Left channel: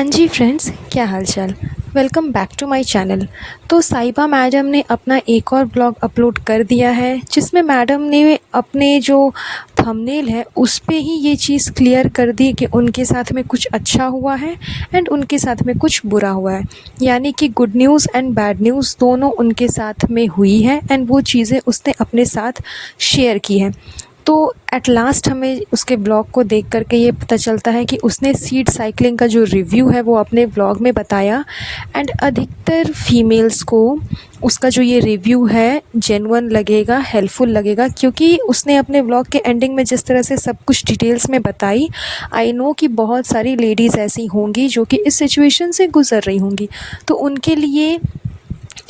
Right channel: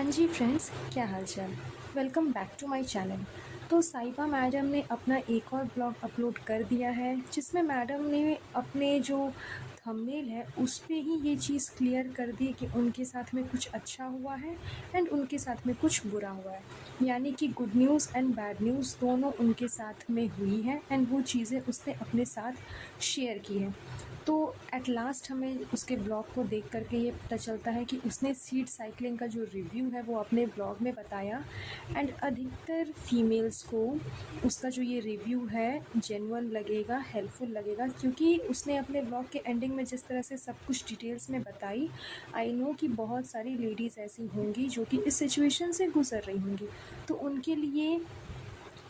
हाँ जी फ्रेंड्स, क्या हाल चाल। Welcome back to my channel. तो साहिबा मैडम ने अपना एक और ब्लॉग अपलोड कर दिया है, जिसमें मैडम ने अपने जो थंबनेल है उस पे ही ये चीज़ क्लियर कर दी कि उनके साथ में कुछ अच्छा हुआ है एंड उनके साथ में कुछ बुरा हुआ है। यानी कि good news and bad news दोनों उनके साथ में हुई है एंड वो चीज़ें उसने अपने साथ शेयर की हैं। तो एट लास्ट हमें उसके ब्लॉग को देख कर के ये पता चलता है कि उसने सीड साइकिलिंग का जो रिव्यू है वो अपने ब्लॉग में बताया एंड अधिकतर फीमेल्स को उसका जो ये रिव्यू है जेन्युइन लगेगा, हेल्पफुल लगेगा, क्योंकि उसने अपने ब्लॉग के एंडिंग में जिस तरह से सब कुछ डिटेल्स में बताई। आई नो कि बहुत सारी लेडीज़ ऐसी होंगी जो कि इस सिचुएशन से गुज़र रही होंगी, तो उनके लिए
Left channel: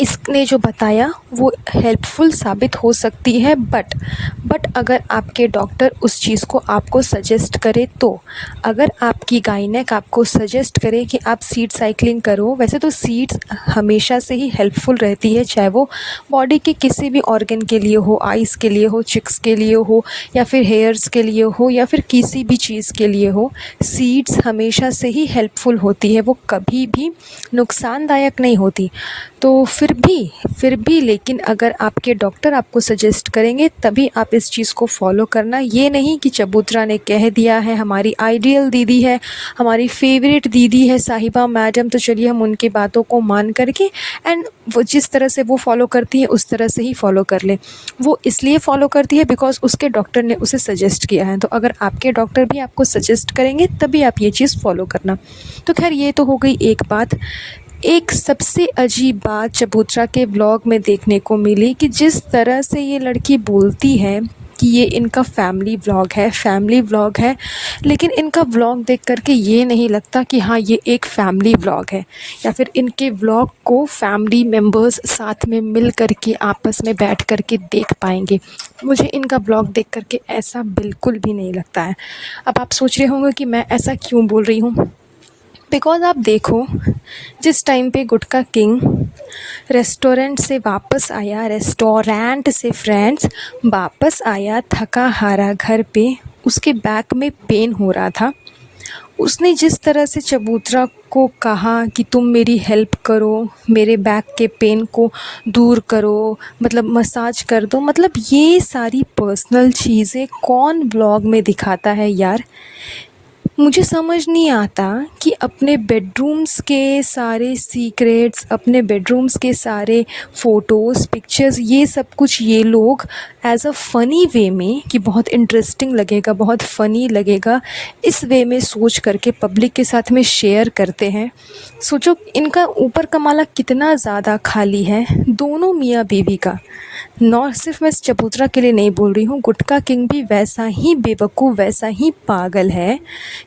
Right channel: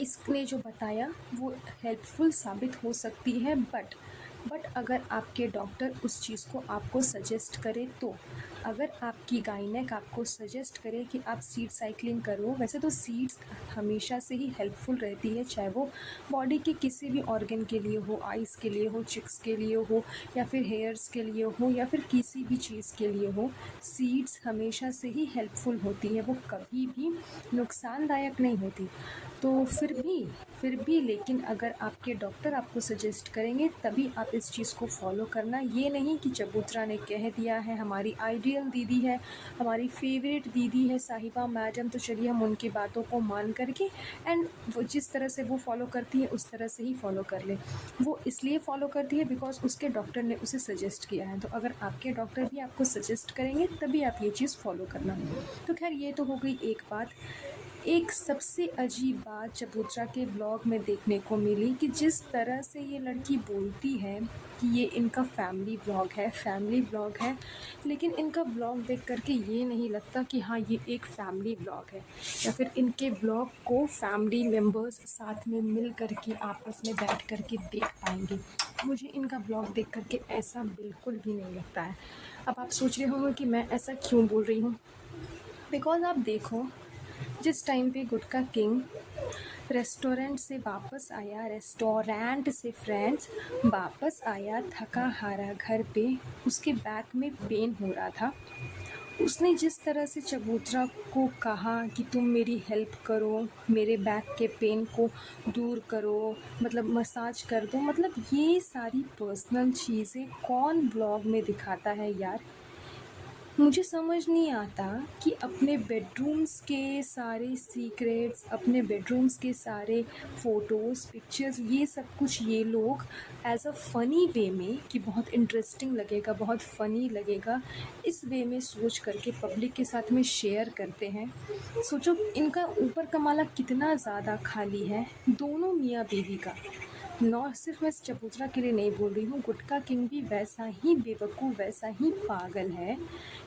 इसने जो बताया वो हेल्पफुल साबित हो सकती है। बट अगर आपके डॉक्टर उस चीज़ को आपको सजेस्ट करे तो, अगर आपकी गायनेक आपको सजेस्ट करे कि आप सीड साइकिलिंग करो, वैसे तो सीड्स हमेशा से ही हेल्पफुल रहती है, चाहे वो बॉडी के किसी भी ऑर्गन के लिए हो, आइज़ के लिए हो, चिक्स के लिए हो, या फिर हेयर्स के लिए हो, या फिर किसी भी चीज़ के लिए हो। सीड्स हमेशा से ही हेल्पफुल होती है, वो कभी भी नुकसानदायक नहीं होती। तो फिर भी लेकिन अगर आपके डॉक्टर आपको सजेस्ट करेंगे तभी आप इस चीज़ को फॉलो करना। ये नहीं कि चबूतरा ने कह दिया है, हमारी आइडियल दीदी है, हमारी फेवरेट दीदी है साहिबा मैडम, तो चलिए हम उनकी बातों को मान करके एंड वो जिस तरह से वो फॉलो करती है उस तरह से ही फॉलो कर ले। वो इसलिए फॉलो करती है बिकॉज़ उसके डॉक्टर ने उसे सजेस्ट किया है। तो अगर आपके डॉक्टर भी आपको सजेस्ट करेंगे तभी आप ये चीज़ फॉलो करना। तो खैर, ये तो हो गई एक बात। एक सबसे अजीब बात चबूतरा के व्लॉग में देखने को मिली कि जिस तरह से ये लड़की बोलती है कि ये इनका फैमिली व्लॉग है, लेकिन इनका व्लॉग देख कर के ये नहीं लगता कि हाँ ये एक फैमिली व्लॉग है, या फिर इनके व्लॉग को फैमिली मेम्बर्स साथ में मिल कर के आपस में बैठ कर के देख पाएंगे। मुझे इनका व्लॉग देख कर के ऐसा बिल्कुल भी नहीं लगता है। अब आप सोच रहे होंगे कि मैं ऐसा क्यों बोल रही हूँ। बिकॉज़ आप देखो, जिस टाइम पे गुटका किंग रेस्टोरेंट से फ्रेंड्स वापस आया थका हारा घर पे, उसके बैक में पेन हो रहा था। उसने जिस तरह से चबूतरा को कहा कि तुम मेरी हेल्प करो, मेरे बैक के पेन को दूर करो, मतलब मसाज कर दो, मतलब ये सारी पर्सनल चीज़ें कौन ब्लॉग में दिखाता है यार। मुझे समझ नहीं आता कि अपने बेडरूम्स के सारे सीक्रेट्स, अपने बेडरूम्स के सारे फ़ोटोज़, पिक्चर्स, ये सब कुछ ये लोग एज़ अ फ़नी वे में कि बहुत इंटरेस्टिंग लगेगा, बहुत फ़नी लगेगा, इस वे में सोच करके पब्लिक के साथ में शेयर करते हैं। सोचो इनका ऊपर का माला कितना ज़्यादा खाली है, दोनों मियाँ बीवी का। नौ सिर्फ मैं चबूतरा के लिए नहीं बोल रही हूँ, गुटका किंग भी वैसा ही बेवकूफ़, वैसा ही पागल है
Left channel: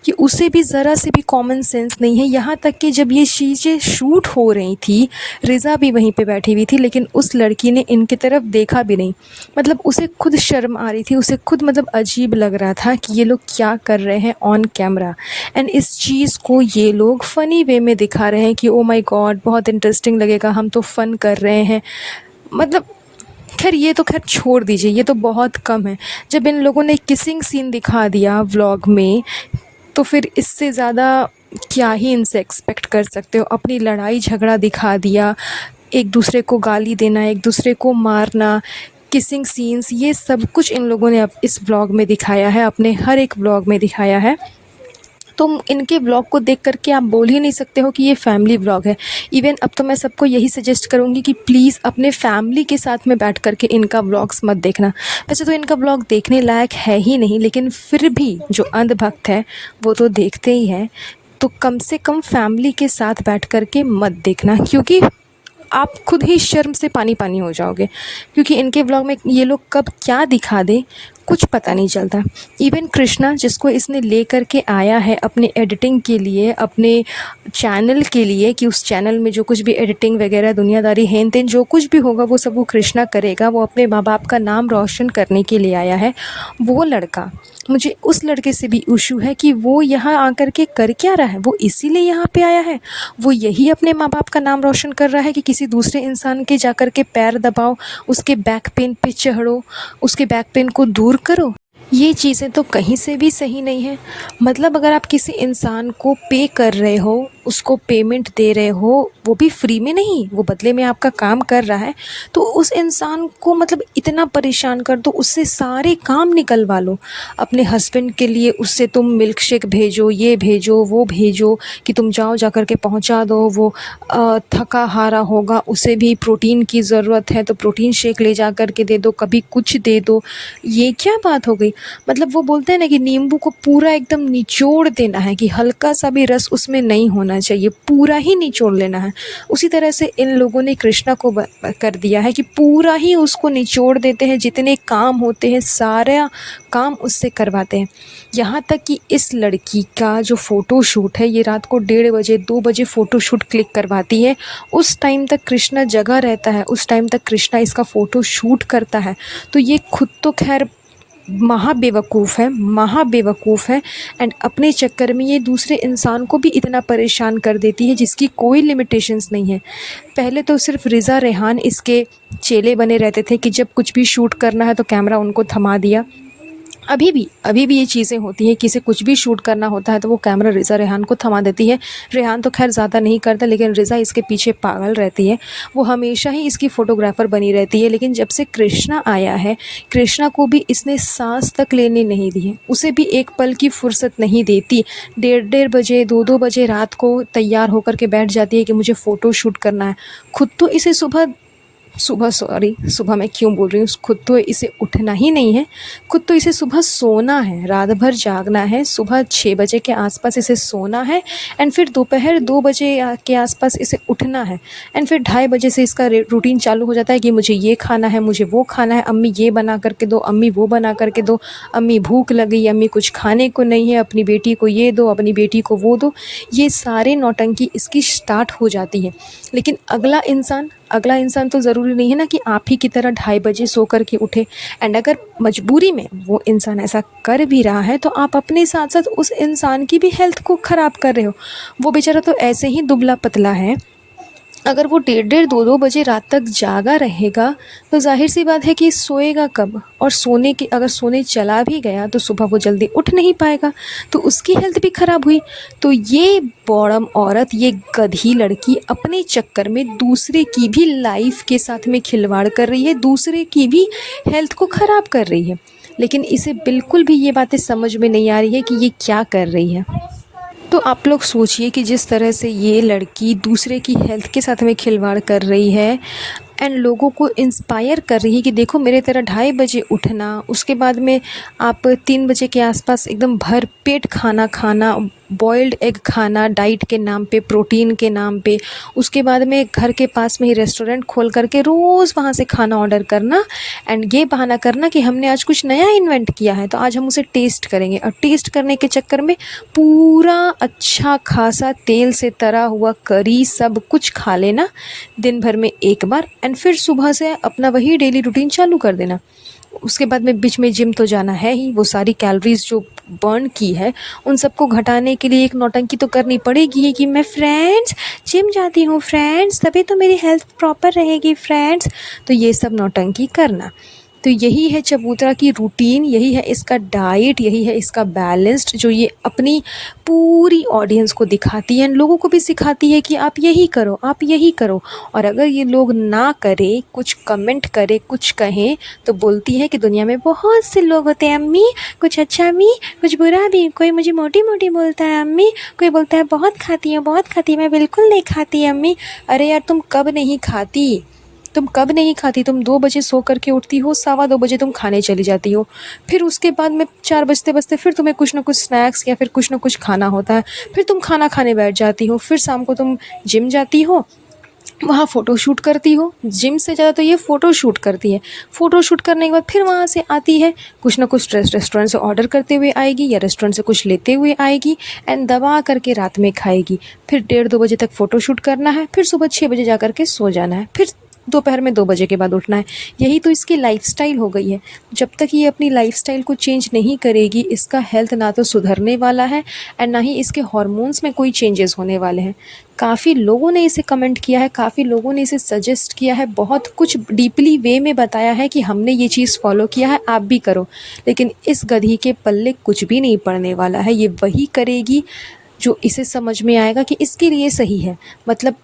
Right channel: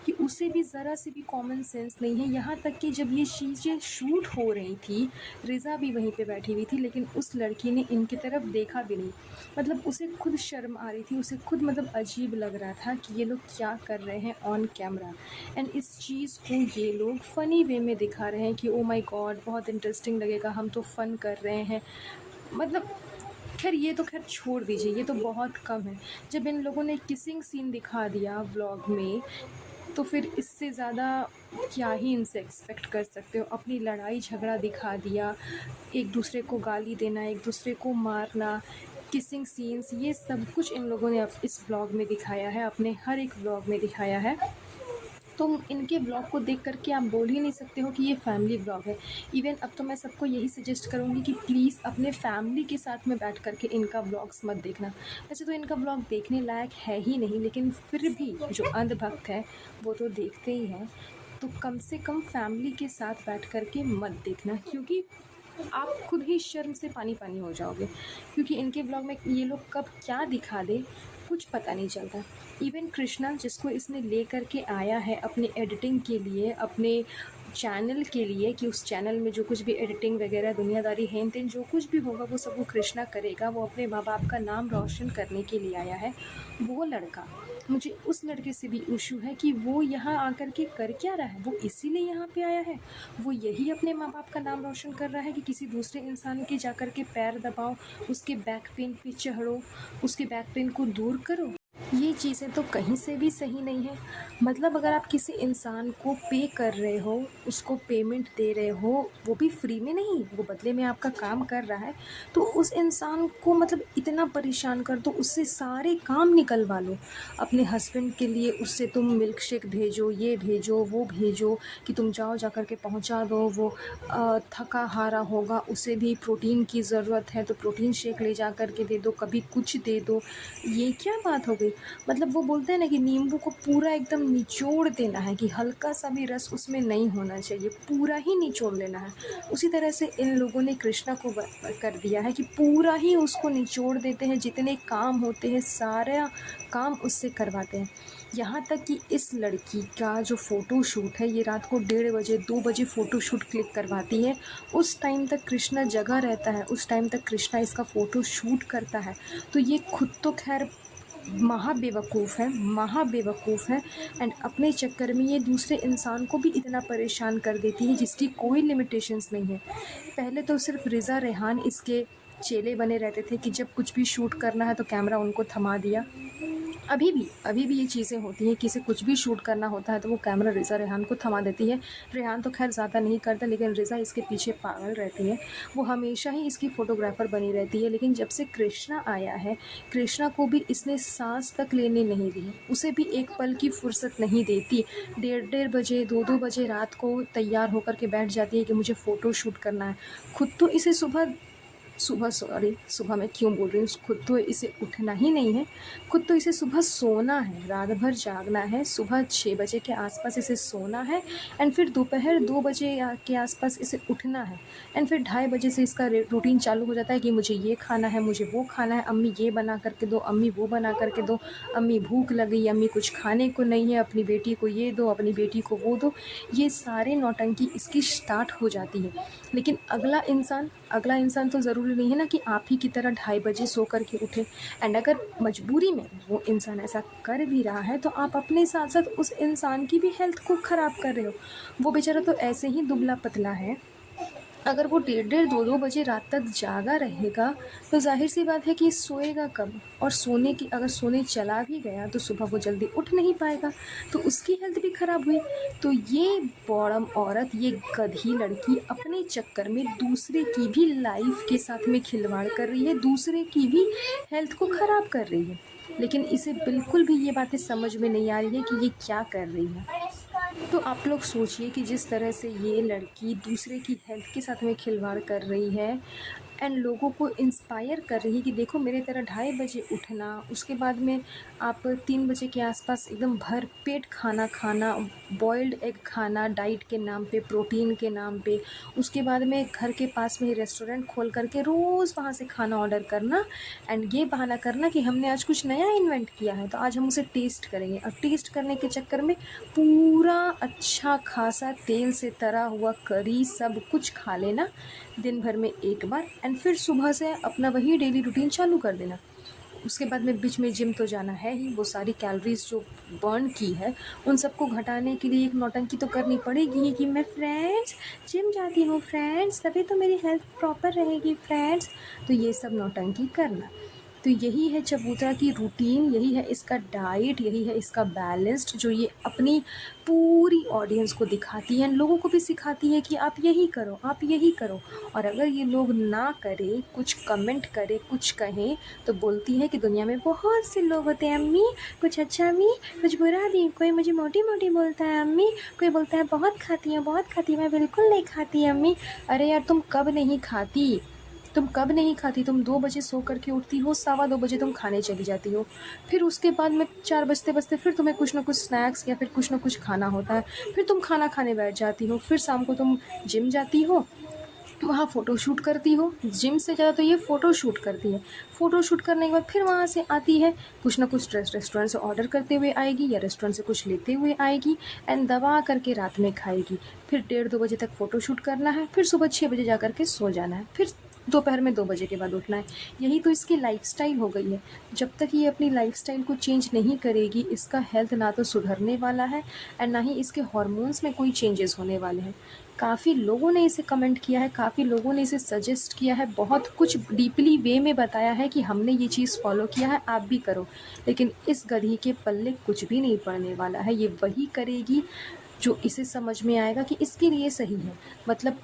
कि उसे भी ज़रा से भी कॉमन सेंस नहीं है। यहाँ तक कि जब ये चीज़ें शूट हो रही थी, रिज़ा भी वहीं पे बैठी हुई थी, लेकिन उस लड़की ने इनकी तरफ देखा भी नहीं। मतलब उसे खुद शर्म आ रही थी, उसे खुद मतलब अजीब लग रहा था कि ये लोग क्या कर रहे हैं ऑन कैमरा, एंड इस चीज़ को ये लोग फ़नी वे में दिखा रहे हैं कि ओ माय गॉड बहुत इंटरेस्टिंग लगेगा, हम तो फ़न कर रहे हैं। मतलब खैर, ये तो खैर छोड़ दीजिए, ये तो बहुत कम है। जब इन लोगों ने किसिंग सीन दिखा दिया व्लॉग में, तो फिर इससे ज़्यादा क्या ही इनसे एक्सपेक्ट कर सकते हो। अपनी लड़ाई झगड़ा दिखा दिया, एक दूसरे को गाली देना, एक दूसरे को मारना, किसिंग सीन्स, ये सब कुछ इन लोगों ने अब इस व्लॉग में दिखाया है, अपने हर एक व्लॉग में दिखाया है। तो इनके व्लॉग को देख कर के आप बोल ही नहीं सकते हो कि ये फैमिली व्लॉग है। इवन अब तो मैं सबको यही सजेस्ट करूँगी कि प्लीज़ अपने फैमिली के साथ में बैठ कर के इनका व्लॉग्स मत देखना। वैसे तो इनका व्लॉग देखने लायक है ही नहीं, लेकिन फिर भी जो अंधभक्त है वो तो देखते ही हैं। तो कम से कम फैमिली के साथ बैठ कर के मत देखना, क्योंकि आप खुद ही शर्म से पानी पानी हो जाओगे। क्योंकि इनके व्लॉग में ये लोग कब क्या दिखा दें कुछ पता नहीं चलता। इवन कृष्णा, जिसको इसने ले कर के आया है अपने एडिटिंग के लिए, अपने चैनल के लिए, कि उस चैनल में जो कुछ भी एडिटिंग वगैरह दुनियादारी हेन तेन जो कुछ भी होगा वो सब वो कृष्णा करेगा, वो अपने माँ बाप का नाम रोशन करने के लिए आया है। वो लड़का, मुझे उस लड़के से भी इशू है कि वो यहाँ आकर के कर क्या रहा है। वो इसीलिए यहाँ पे आया है, वो यही अपने माँ बाप का नाम रोशन कर रहा है कि किसी दूसरे इंसान के जाकर के पैर दबाओ, उसके बैक पेन पे चढ़ो, उसके बैक पेन को दूर करो। ये चीज़ें तो कहीं से भी सही नहीं है। मतलब अगर आप किसी इंसान को पे कर रहे हो उसको पेमेंट दे रहे हो, वो भी फ्री में नहीं, वो बदले में आपका काम कर रहा है, तो उस इंसान को मतलब इतना परेशान कर दो, उससे सारे काम निकलवा लो। अपने हस्बैंड के लिए उससे तुम मिल्क शेक भेजो, ये भेजो, वो भेजो, कि तुम जाओ जा कर के पहुँचा दो। वो थका हारा होगा, उसे भी प्रोटीन की ज़रूरत है तो प्रोटीन शेक ले जा कर के दे दो, कभी कुछ दे दो। ये क्या बात हो गई? मतलब वो बोलते हैं ना कि नींबू को पूरा एकदम निचोड़ देना है, कि हल्का सा भी रस उसमें नहीं होना चाहिए, पूरा ही निचोड़ लेना है। उसी तरह से इन लोगों ने कृष्णा को कर दिया है कि पूरा ही उसको निचोड़ देते हैं, जितने काम होते हैं सारा काम उससे करवाते हैं। यहाँ तक कि इस लड़की का जो फ़ोटो शूट है, ये रात को 1:30 बजे 2 बजे फ़ोटो शूट क्लिक करवाती है। उस टाइम तक कृष्णा जगा रहता है, उस टाइम तक कृष्णा इसका फ़ोटो शूट करता है। तो ये खुद तो खैर महा बेवकूफ़ है एंड अपने चक्कर में ये दूसरे इंसान को भी इतना परेशान कर देती है जिसकी कोई लिमिटेशंस नहीं है। पहले तो सिर्फ रिज़ा रेहान इसके चेले बने रहते थे कि जब कुछ भी शूट करना है तो कैमरा उनको थमा दिया। अभी भी ये चीज़ें होती हैं, किसी कुछ भी शूट करना होता है तो वो कैमरा रिज़ा रेहान को थमा देती है। रेहान तो खैर ज़्यादा नहीं करता, लेकिन रिज़ा इसके पीछे पागल रहती है। वो हमेशा ही इसकी फ़ोटोग्राफ़र बनी रहती है। लेकिन जब से कृष्णा आया है, कृष्णा को भी इसने सांस तक लेने नहीं दी है, उसे भी एक पल की फुर्सत नहीं देती। 1:30 बजे 2-2 बजे रात को तैयार होकर के बैठ जाती है कि मुझे फ़ोटो शूट करना है। खुद तो इसे सुबह मैं क्यों बोल रही हूँ, खुद तो इसे उठना ही नहीं है, खुद तो इसे सुबह सोना है, रात भर जागना है। सुबह 6 बजे के आसपास इसे सोना है एंड फिर दोपहर 2 बजे के आसपास इसे उठना है एंड फिर 2:30 बजे से इसका रूटीन चालू हो जाता है कि मुझे ये खाना है, मुझे वो खाना है, अम्मी ये बना करके दो, अम्मी वो बना करके दो, अम्मी भूख लगी, अम्मी कुछ खाने को नहीं है, अपनी बेटी को ये दो, अपनी बेटी को वो दो। ये सारे नौटंकी इसकी स्टार्ट हो जाती है। लेकिन अगला इंसान तो ज़रूरी नहीं है ना कि आप ही की तरह 2:30 बजे सो कर के उठे। एंड अगर मजबूरी में वो इंसान ऐसा कर भी रहा है तो आप अपने साथ साथ उस इंसान की भी हेल्थ को ख़राब कर रहे हो। वो बेचारा तो ऐसे ही दुबला पतला है, अगर वो 1:30 2-2 बजे रात तक जागा रहेगा तो ज़ाहिर सी बात है कि सोएगा कब, और अगर सोने चला भी गया तो सुबह वो जल्दी उठ नहीं पाएगा, तो उसकी हेल्थ भी ख़राब हुई। तो ये बौड़म औरत, ये गधी लड़की अपने चक्कर में दूसरे की भी लाइफ के साथ में खिलवाड़ कर रही है, दूसरे की भी हेल्थ को ख़राब कर रही है। लेकिन इसे बिल्कुल भी ये बातें समझ में नहीं आ रही है कि ये क्या कर रही है। तो आप लोग सोचिए कि जिस तरह से ये लड़की दूसरे की हेल्थ के साथ में खिलवाड़ कर रही है एंड लोगों को इंस्पायर कर रही है कि देखो मेरे तरह 2:30 बजे उठना, उसके बाद में आप 3 बजे के आसपास एकदम भर पेट खाना खाना, बॉइल्ड एग खाना डाइट के नाम पे, प्रोटीन के नाम पे, उसके बाद में घर के पास में ही रेस्टोरेंट खोल करके रोज़ वहाँ से खाना ऑर्डर करना एंड ये बहाना करना कि हमने आज कुछ नया इन्वेंट किया है तो आज हम उसे टेस्ट करेंगे, और टेस्ट करने के चक्कर में पूरा अच्छा खासा तेल से तरा हुआ करी सब कुछ खा लेना दिन भर में एक बार एंड फिर सुबह से अपना वही डेली रूटीन चालू कर देना। उसके बाद में बीच में जिम तो जाना है ही, वो सारी कैलोरीज जो बर्न की है उन सबको घटाने के लिए एक नौटंकी तो करनी पड़ेगी कि मैं फ्रेंड्स जिम जाती हूँ फ्रेंड्स, तभी तो मेरी हेल्थ प्रॉपर रहेगी फ्रेंड्स। तो ये सब नौटंकी करना, तो यही है चबूतरा की रूटीन, यही है इसका डाइट, यही है इसका बैलेंस्ड, जो ये अपनी पूरी ऑडियंस को दिखाती है, लोगों को भी सिखाती है कि आप यही करो, आप यही करो। और अगर ये लोग ना करें, कुछ कमेंट करें, कुछ कहें, तो बोलती है कि दुनिया में बहुत से लोग होते हैं अम्मी, कुछ अच्छा अम्मी, कुछ बुरा भी, कोई मुझे मोटी मोटी बोलता है अम्मी, कोई बोलता है बहुत खाती है बहुत खाती है, मैं बिल्कुल नहीं खाती अम्मी। अरे यार तुम कब नहीं खाती? तुम 2 बजे सो करके उठती हो, 2:15 बजे तुम खाने चली जाती हो, फिर उसके बाद में 4 बजते बजते फिर तुम्हें कुछ ना कुछ स्नैक्स या फिर कुछ ना कुछ खाना होता है, फिर तुम खाना खाने बैठ जाती हो, फिर शाम को तुम जिम जाती हो, वहाँ फ़ोटो शूट करती हो। जिम से ज़्यादा तो ये फ़ोटो शूट करती है। फ़ोटो शूट करने के बाद फिर वहाँ से आती है, कुछ ना कुछ रेस्टोरेंट से ऑर्डर करते हुए आएगी या रेस्टोरेंट से कुछ लेते हुए आएगी एंड दबा करके रात में खाएगी। फिर 1:30 2 बजे तक फ़ोटो शूट करना है, फिर सुबह 6 बजे जा कर के सो जाना है, फिर दोपहर में 2 बजे के बाद उठना है। यही तो इसकी लाइफ़स्टाइल हो गई है। जब तक ये अपनी लाइफ़स्टाइल को चेंज नहीं करेगी, इसका हेल्थ ना तो सुधरने वाला है एंड ना ही इसके हॉर्मोन्स में कोई चेंजेस होने वाले हैं। काफ़ी लोगों ने इसे कमेंट किया है, काफ़ी लोगों ने इसे सजेस्ट किया है, बहुत कुछ डीपली वे में बताया है कि हमने ये चीज़ फॉलो किया है, आप भी करो। लेकिन इस गधी के पल्ले कुछ भी नहीं पड़ने वाला है। ये वही करेगी जो इसे समझ में आएगा कि इसके लिए सही है। मतलब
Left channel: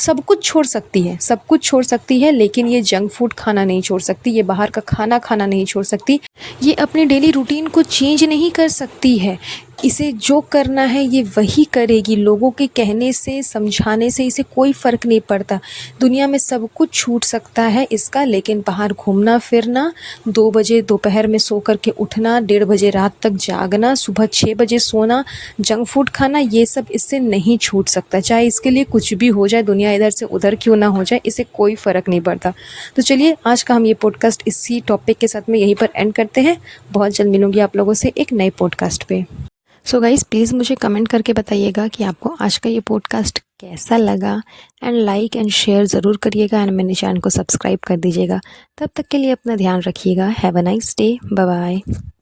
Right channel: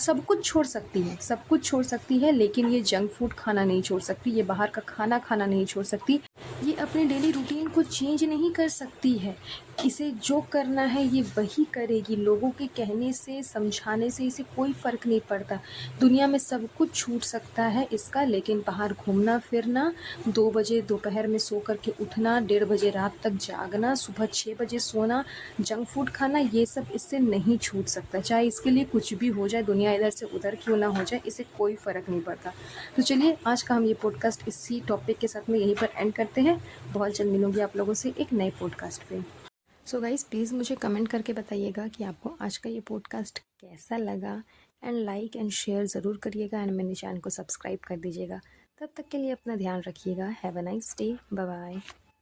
सब कुछ छोड़ सकती है, सब कुछ छोड़ सकती है, लेकिन ये जंक फूड खाना नहीं छोड़ सकती, ये बाहर का खाना खाना नहीं छोड़ सकती, ये अपने डेली रूटीन को चेंज नहीं कर सकती है। इसे जो करना है ये वही करेगी। लोगों के कहने से, समझाने से इसे कोई फ़र्क नहीं पड़ता। दुनिया में सब कुछ छूट सकता है इसका, लेकिन बाहर घूमना फिरना, 2 बजे दोपहर में सो कर के उठना, 1:30 बजे रात तक जागना, सुबह 6 बजे सोना, जंक फूड खाना, ये सब इससे नहीं छूट सकता। चाहे इसके लिए कुछ भी हो जाए, दुनिया इधर से उधर क्यों ना हो जाए, इसे कोई फ़र्क नहीं पड़ता। तो चलिए आज का हम ये पॉडकास्ट इसी टॉपिक के साथ में यहीं पर एंड करते हैं। बहुत जल्द मिलूंगी आप लोगों से एक नए पॉडकास्ट पे। सो गाइज़ प्लीज़ मुझे कमेंट करके बताइएगा कि आपको आज का ये पॉडकास्ट कैसा लगा, एंड लाइक एंड शेयर ज़रूर करिएगा, एंड मेरे चैनल को सब्सक्राइब कर दीजिएगा। तब तक के लिए अपना ध्यान रखिएगा। Have a nice day. Bye bye.